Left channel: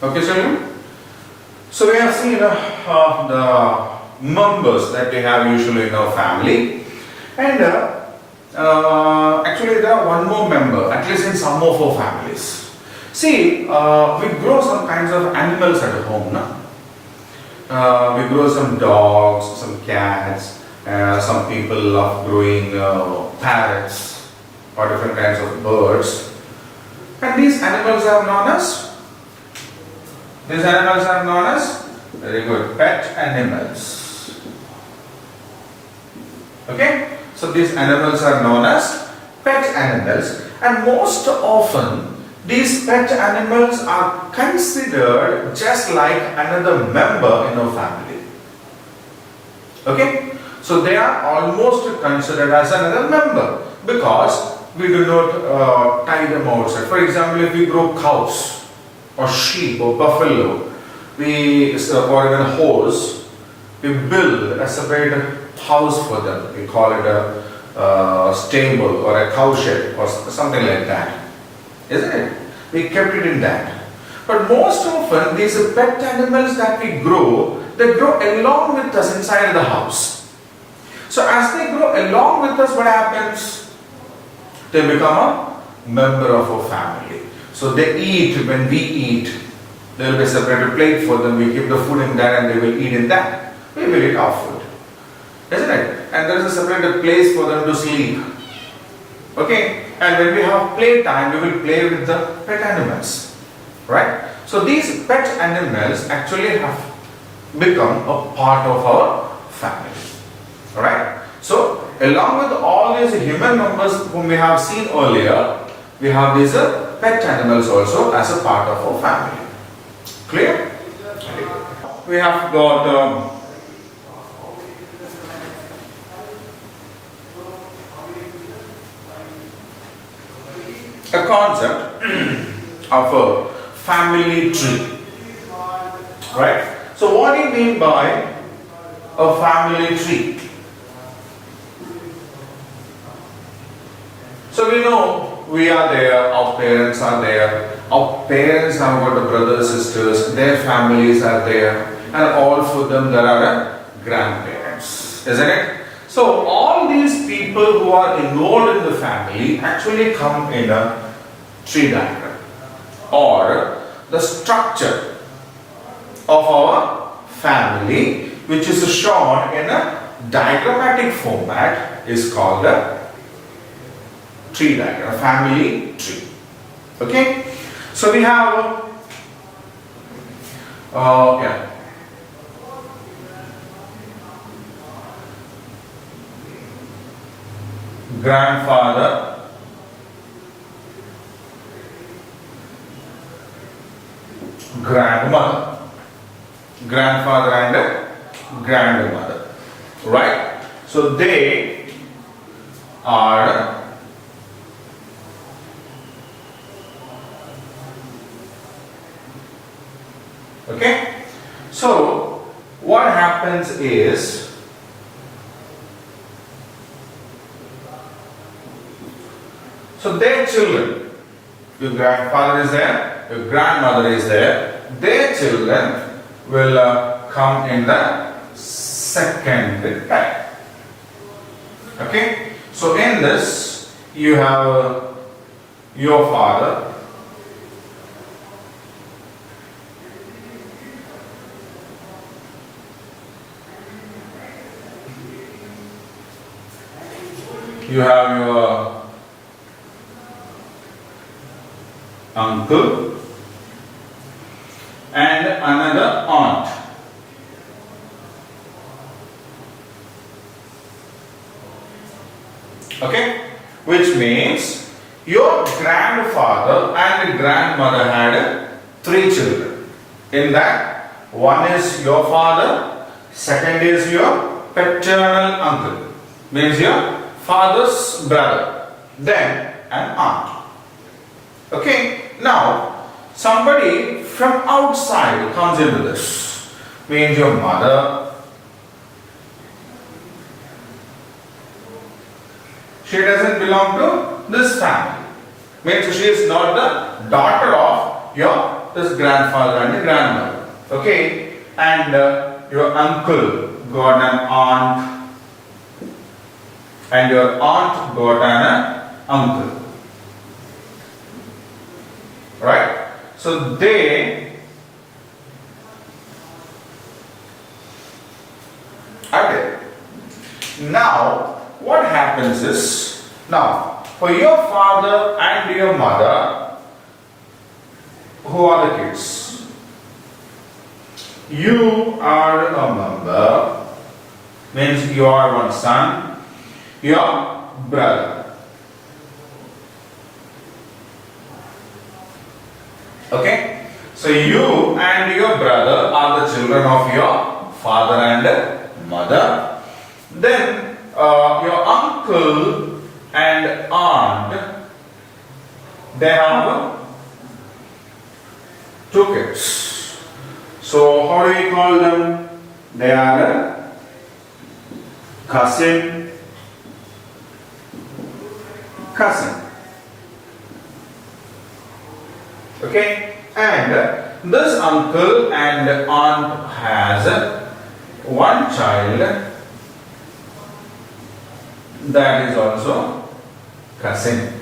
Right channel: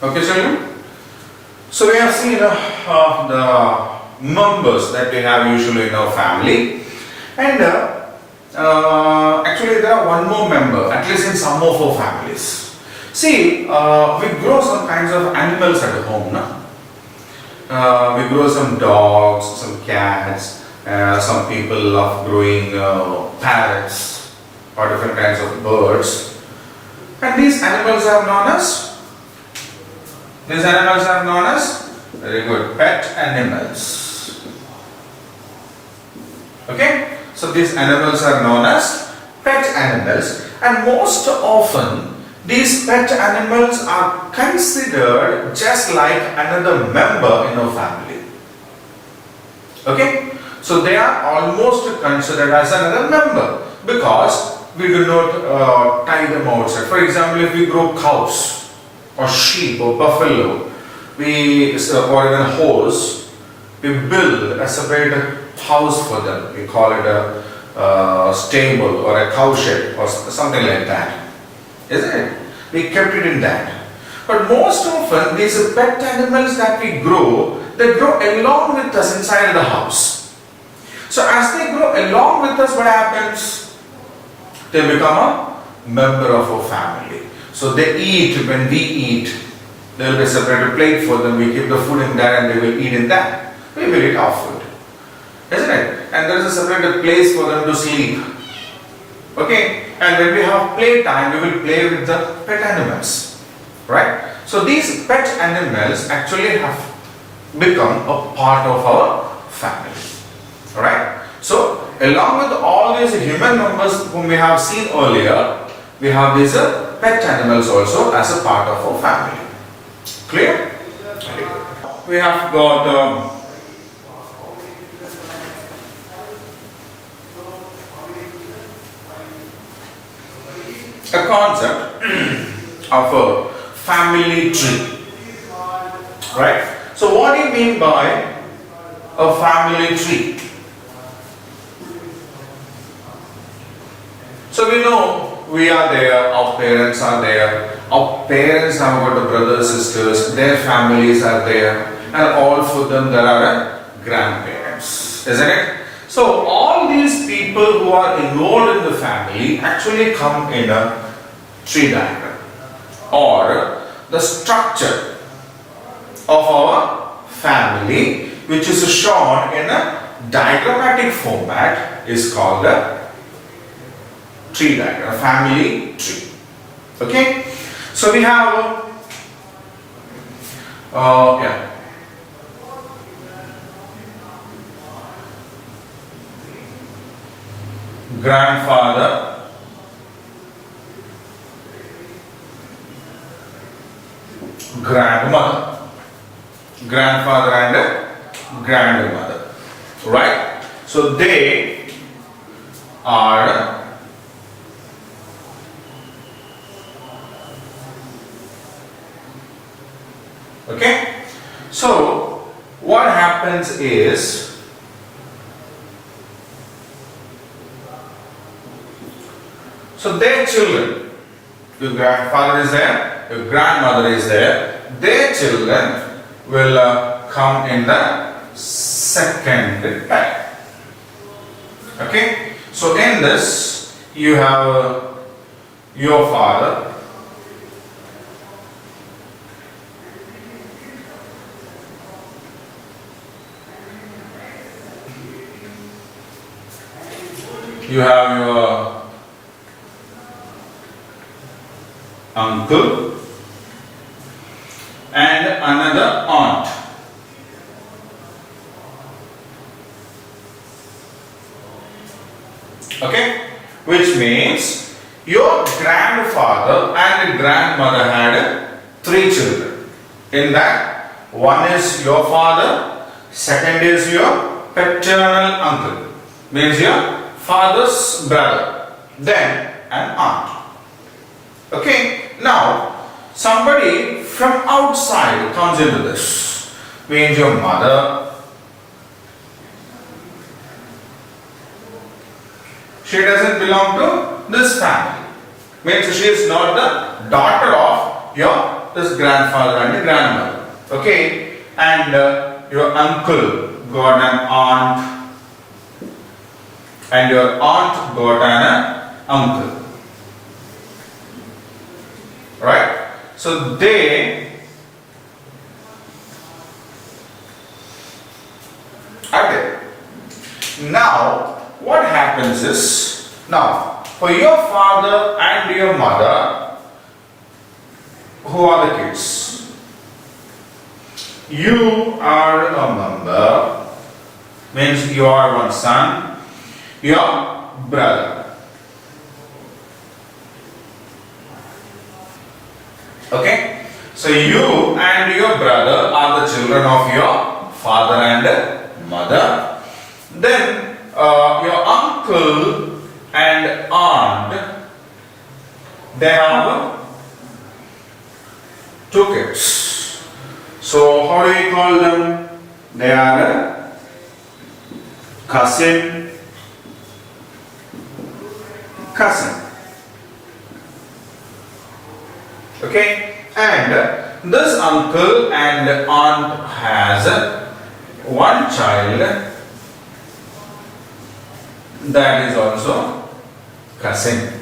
Okay, children? So we have seen the members that we have usually in our family, and actually there are one more member, at least in some of our families. See, we grow some kinds of animals at home, no? We grow some dogs, some cats, some people love growing parrots or different kinds of birds. And these animals are known as, very good, pet animals. Okay? So these animals are known as pet animals, and most often these pet animals are considered just like another member in our family. Okay? So they are almost considered as another member because we do not tie them outside. For example, if we grow cows or sheep or buffalo, or even horse, we build a separate house for them. We call it a stable or a cow shed or something like that. Isn't it? We kept it in that. But most often these pet animals that we grow, they grow along with us inside the house. So as they grow along with us, what happens? They become a member of our family. So they eat when we eat. There will be a separate plate for them. We keep the food in there and they will eat in that. We will eat our food. Isn't it? And there is a separate place for them to sleep. Okay? And when we have play time, we will play with the pet animals. Right? So these pet animals actually have become a part of our family. Alright? So along with all these human members whom we have seen earlier, we have these pet animals also as a part of our family. Clear? We have got a concept of a family tree. Right? So what do you mean by a family tree? So we know we are there, our parents are there, our parents have got the brothers, sisters, their families are there, and all for them there are grandparents, isn't it? So all these people who are involved in the family actually come in a tree diagram or the structure of our family, which is shown in a diagrammatic format, is called a tree diagram, a family tree. Okay? So we have grandfather, grandmother, grandfather and grandmother, right? So they are okay. So what happens is their children, your grandfather is there, your grandmother is there, their children will come in the second type. Okay? So in this, you have your father, you have your uncle and another aunt. Okay? Which means your grandfather and grandmother had 3 children. In that, one is your father, second is your paternal uncle, means your father's brother, then an aunt. Okay? Now, somebody from outside comes into this, means your mother. She doesn't belong to this family. Means she is not the daughter of your this grandfather and your grandmother. Okay, and your uncle got an aunt, and your aunt got an uncle. Right? So they are there. Now, what happens is, now, for your father and your mother, who are the kids? You are a member, means you are one son, your brother. Okay? So you and your brother are the children of your father and mother. Then your uncle and aunt, they have two kids. So how do you call them? They are a cousin. Okay, and this uncle and aunt has one child that is also cousin.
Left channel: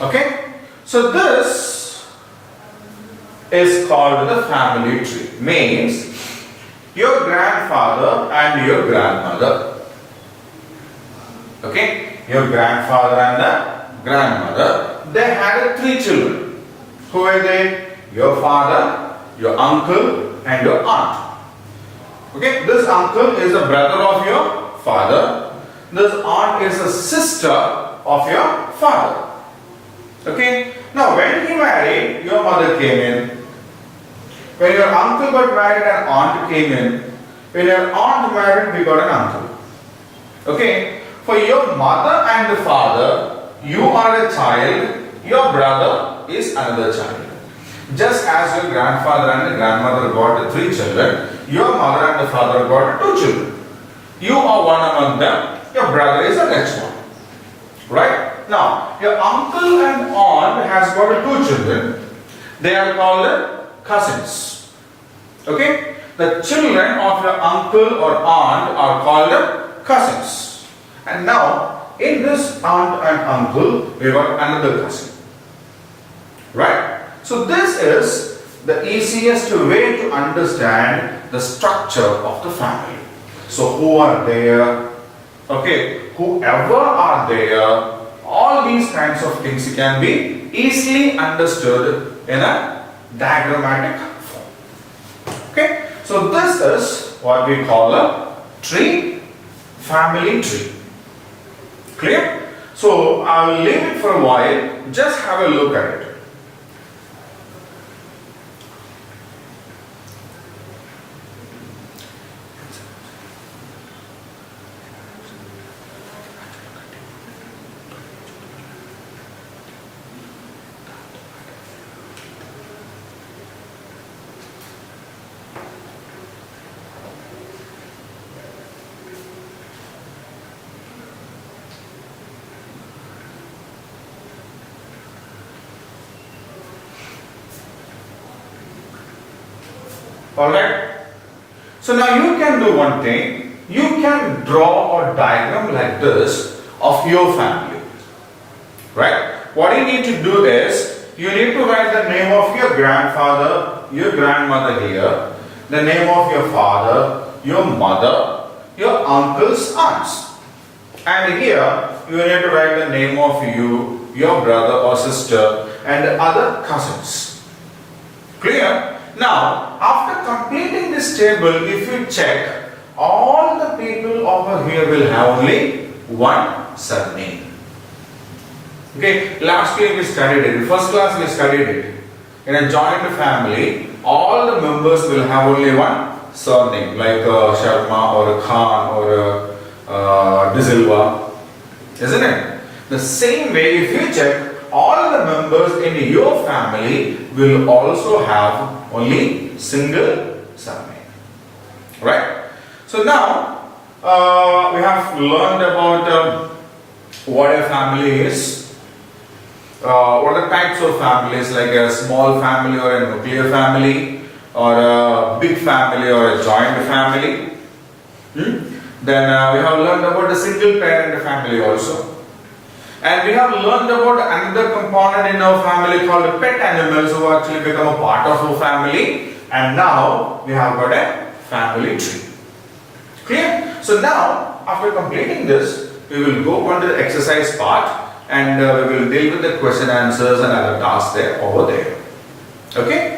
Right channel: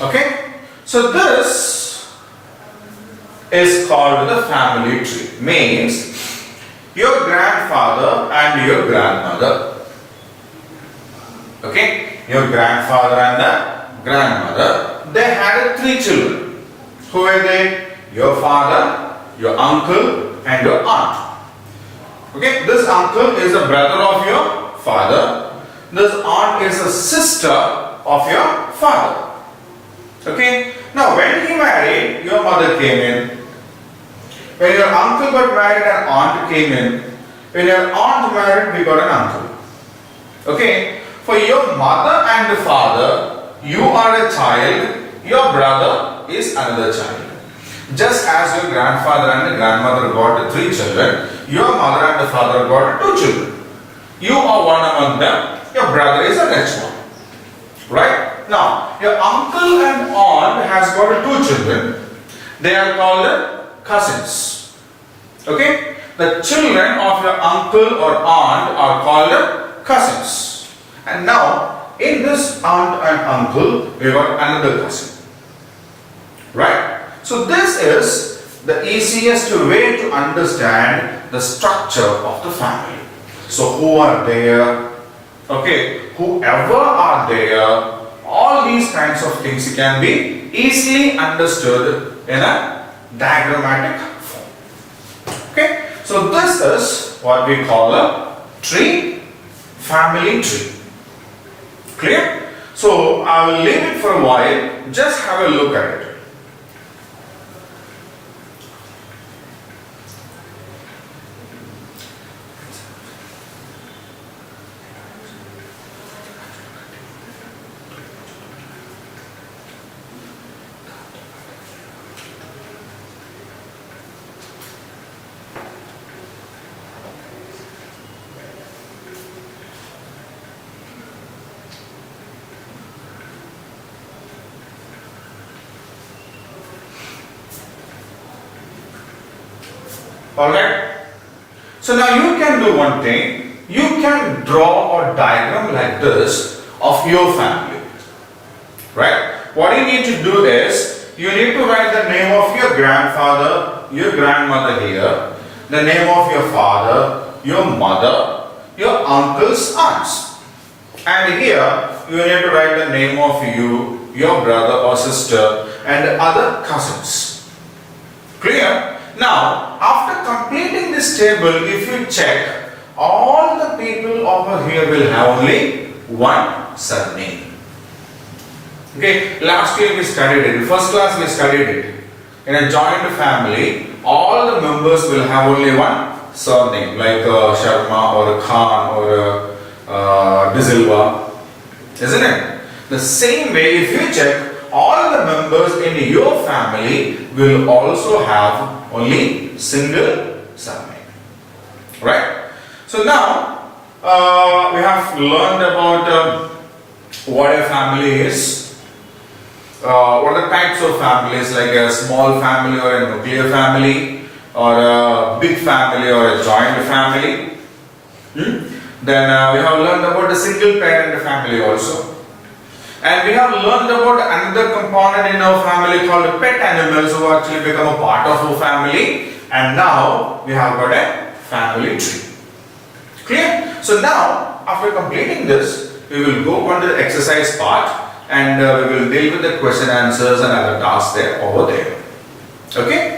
Okay, so this is called the family tree. Means your grandfather and your grandmother. Okay, your grandfather and the grandmother, they had three children. Who were they? Your father, your uncle, and your aunt. Okay, this uncle is a brother of your father. This aunt is a sister of your father. Okay, now when he married, your mother came in. When your uncle got married, an aunt came in. When your aunt married, we got an uncle. Okay, for your mother and the father, you are a child. Your brother is another child. Just as your grandfather and the grandmother got three children, your mother and the father got two children. You are one among them, your brother is the next one. Right? Now, your uncle and aunt has got two children. They are called cousins. Okay? The children of your uncle or aunt are called cousins. And now, in this aunt and uncle, we got another cousin. Right? So this is the easiest way to understand the structure of the family. So who are there? Okay, whoever are there, all these kinds of things can be easily understood in a diagrammatic form. Okay, so this is what we call a tree, family tree. Clear? So I will leave it for a while, just have a look at it. Alright? So now you can do one thing. You can draw a diagram like this of your family. Right? What you need to do is, you need to write the name of your grandfather, your grandmother here, the name of your father, your mother, your uncle's aunts. And here, you need to write the name of you, your brother or sister, and the other cousins. Clear? Now, after completing this table, if you check, all the people over here will have only one surname. Okay, last year we studied it, in first class we studied it. In a joint family, all the members will have only one surname, like Sharma or Khan or De Silva, isn't it? The same way, if you check, all the members in your family will also have only single surname. Right? So now we have learned about what a family is. what are the types of families, like a small family or a nuclear family, or a big family or a joint family. Then we have learned about the single parent family also. And we have learned about another component in our family called pet animals, who actually become a part of our family. And now we have got a family tree. Clear? So now, after completing this, we will go on to the exercise part, and we will deal with the question answers and other tasks there over there. Okay?